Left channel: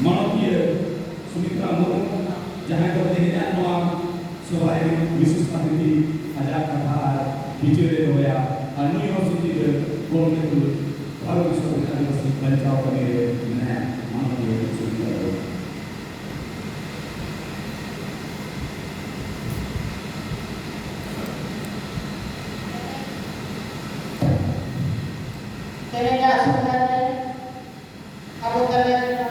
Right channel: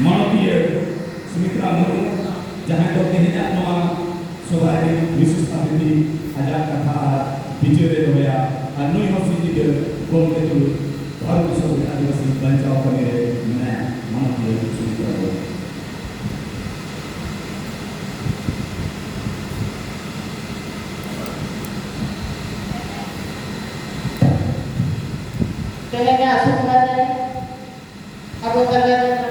मानवीय सुमित्रा मुर्मू जहाँ तो तेहजा नवा सोबारे विशिष्ट अतिथि आजाद कथा बिचरे दोया नुई हॉस्पिटल के गोमते तु भारत विश्व आदिवासी बचाव कमेरे में मानवीय Sumitra Murmu Kayaknya sebenarnya aku kalian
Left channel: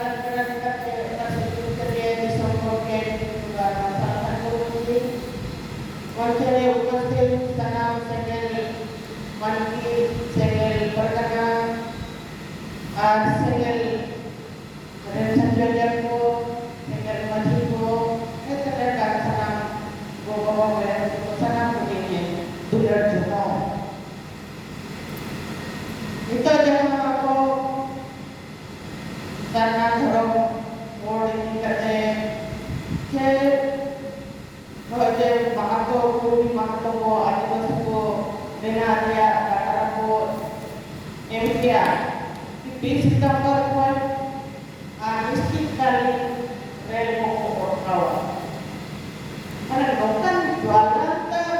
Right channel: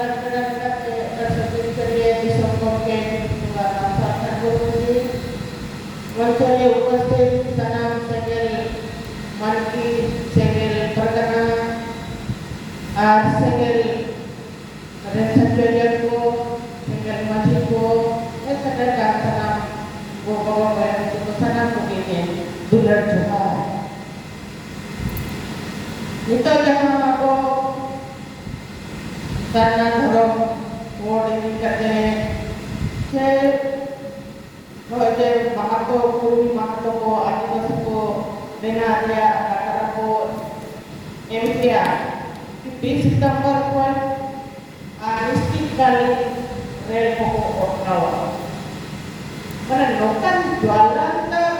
mencari upastil tanam segel manki segel perkana segel rencana jajanku segel masihku segel tanam gua dan tanam begini dular cuma itu jangan aku karena dorong word ini kerja Hoje bahato puri bahato ko adivasi ko denarya kata ko emitya di sistem korporat anistik kali rel ko ornawa mana dokan jualan ter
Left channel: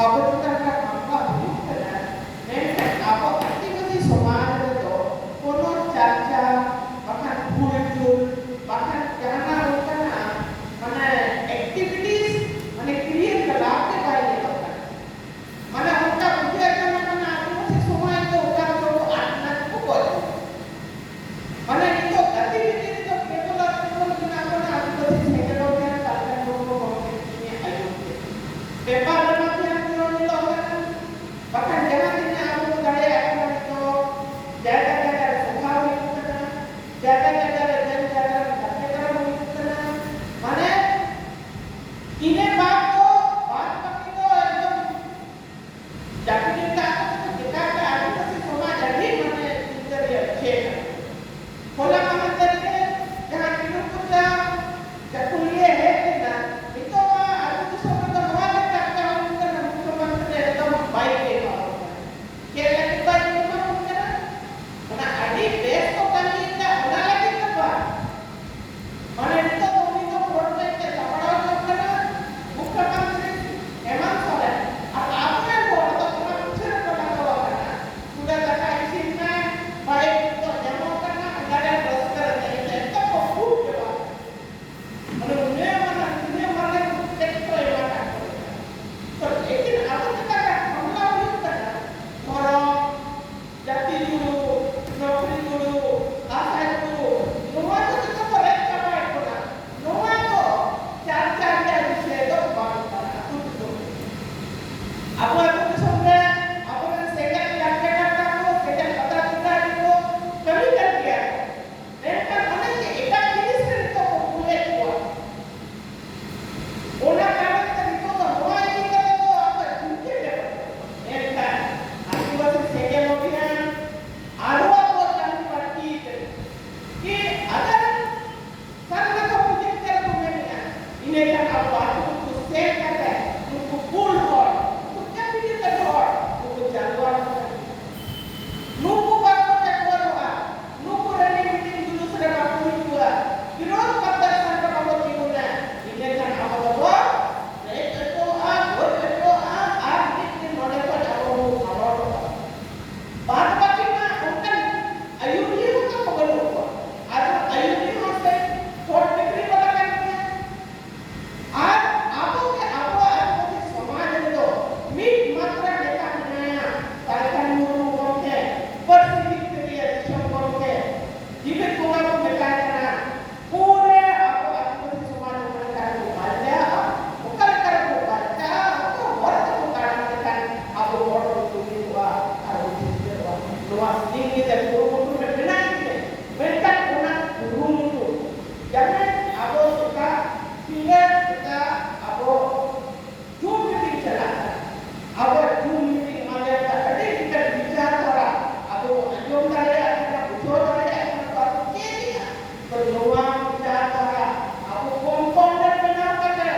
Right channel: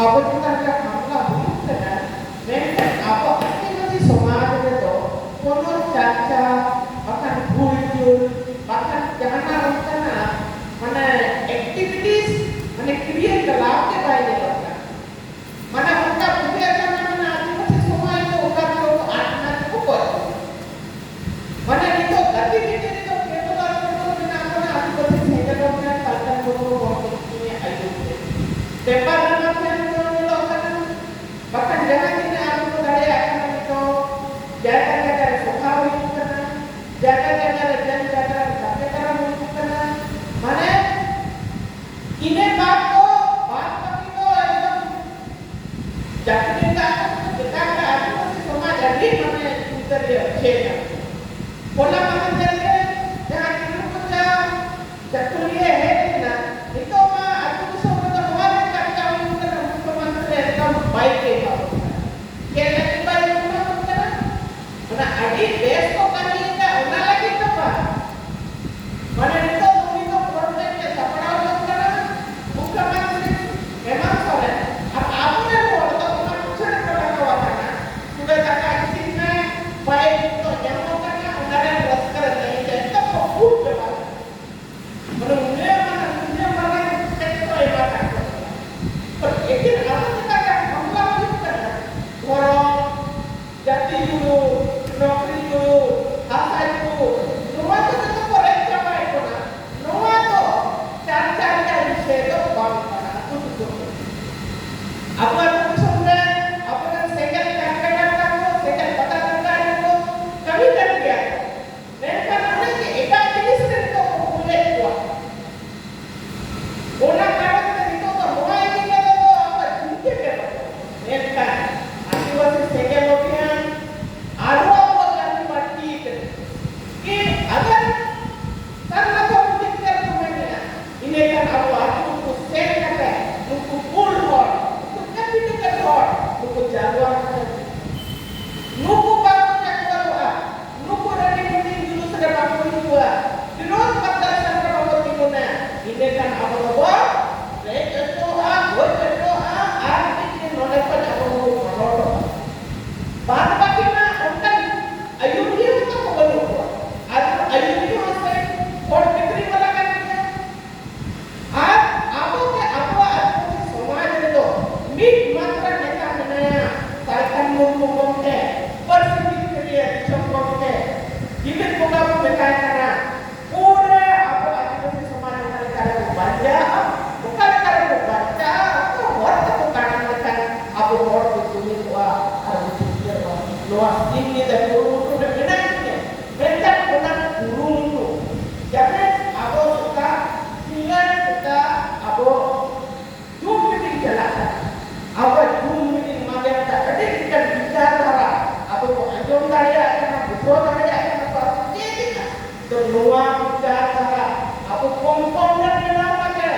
apa kita apa bukan mereka apa ini masih समाज में तो कोनो चाचा bahkan bulul bahkan jangan bukan mana activities mana create लाभ के बारे में होता mana उनका मुझे अगर mana आदिवासी समाज तो उनका तो आत्मा को बोलते mana itu activity itu केवल orang बिना mana आदिवासी सेजल होते हैं पालन को बोलते हैं आयु पेपर में bahkan jangan ini aku budaya akan itu jaga-jaga sukawi itu kena jaga-jaga jaga-jaga sampai kalau itu kena mana ini baat itu एकदम jadi kita ada masih semua jadi mana kita dia cek pola mengajarnya jangan tidur kerja kuliah na itu mah aku disuruh kita mengajar kami bukan cuma sedang baik kaya kita itu mah bukan mana adik besok kami tidak ulah lagi apa mana itu itu project separau bukan bukan memang soalnya apa yang mau kita pernah sudah pernah kawan sudah kata di sini baik itu yang mau karena udah yang berseker ini itu fokus coba menurutnya mana teks ibadah itu apa kita kan mengalami kita orang jati dulu nokri dulu apa itu semua itu kita boleh capai itu kan semua itu cari-cari dari situ bangsa itu apa itu sebenarnya apa yang segel katakan kamu segel katakan itu kami kan dia dan karena kita jenis itu boleh buat orang kata itu semua kita itu apa juga ya mereka आदिवासी सेके लोग हैं आरुआ को चालू पड़ती है कि अगर करना तो मुझे क्या तुम्हें क्या इन्हें क्या आप को सेट करते हैं उनको पुल हो उनको कैपिटल कर हो उनको जागवार नुको बात क्या हुआ नुको रनी मीटिंग जुलूस रे बात हुआ विरोध करता संग बाबा तिगुना इन्हें क्या आप लोग रे तो वो तो आज भी नोने को जाओ बात बाकी में उनका अयुरी उनका बगल हुआ आज अयुरी होते और बिक्री वाला करते आज आपको आदिवासी समाज में तो मीट मात्रा नेता बनाया सरकार मुर्मू बोलते परिस्थिति के लिए दिशा बोलते जितने कोना को बताया करना पूरे आपको आदिवासी समाज में कारण बाजा बुkan कारण बाजा आपको वर्त को कारण बताया आपको वर्त को तुली हुआ luas tinggi dan guru dan benarnya mereka orang guru itu jangan abo suka pilih suka abo cuma di jalan abo cuma di mana ada kita bicara abo ayo saya karena betul saya karena pasti kedua bicara abo kompon dan benarnya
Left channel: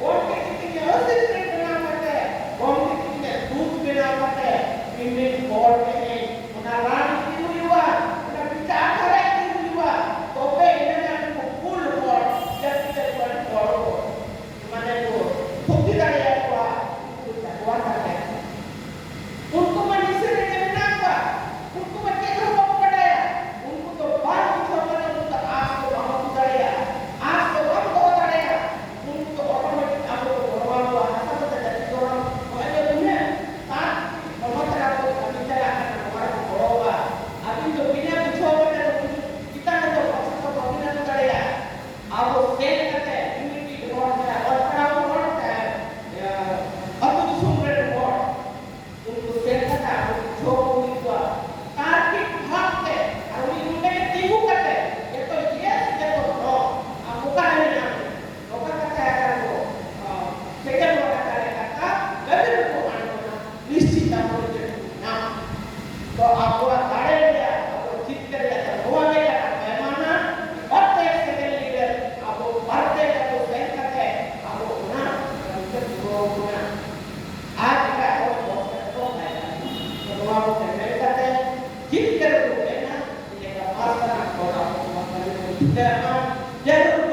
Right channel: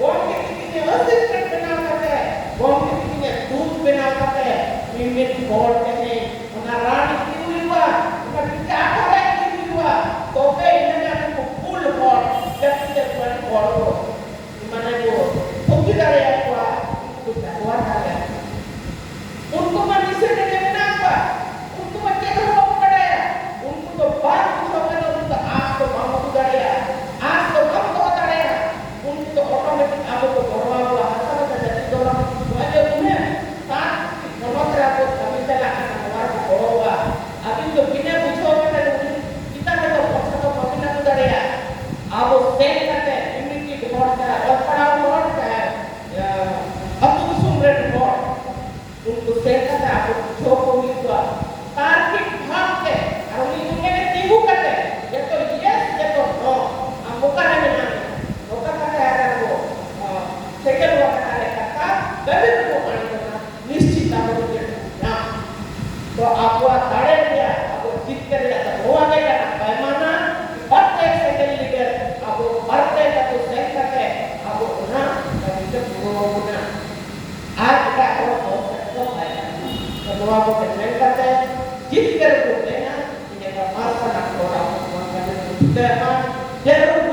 boleh kita harus benarnya boleh kita tuh benarnya ini boleh Narani kiuwa, kita bicara lagi नवा को mail करते हैं जित कर को लेना इन्हें का मार का ना कोड़ा मार का तो जरूर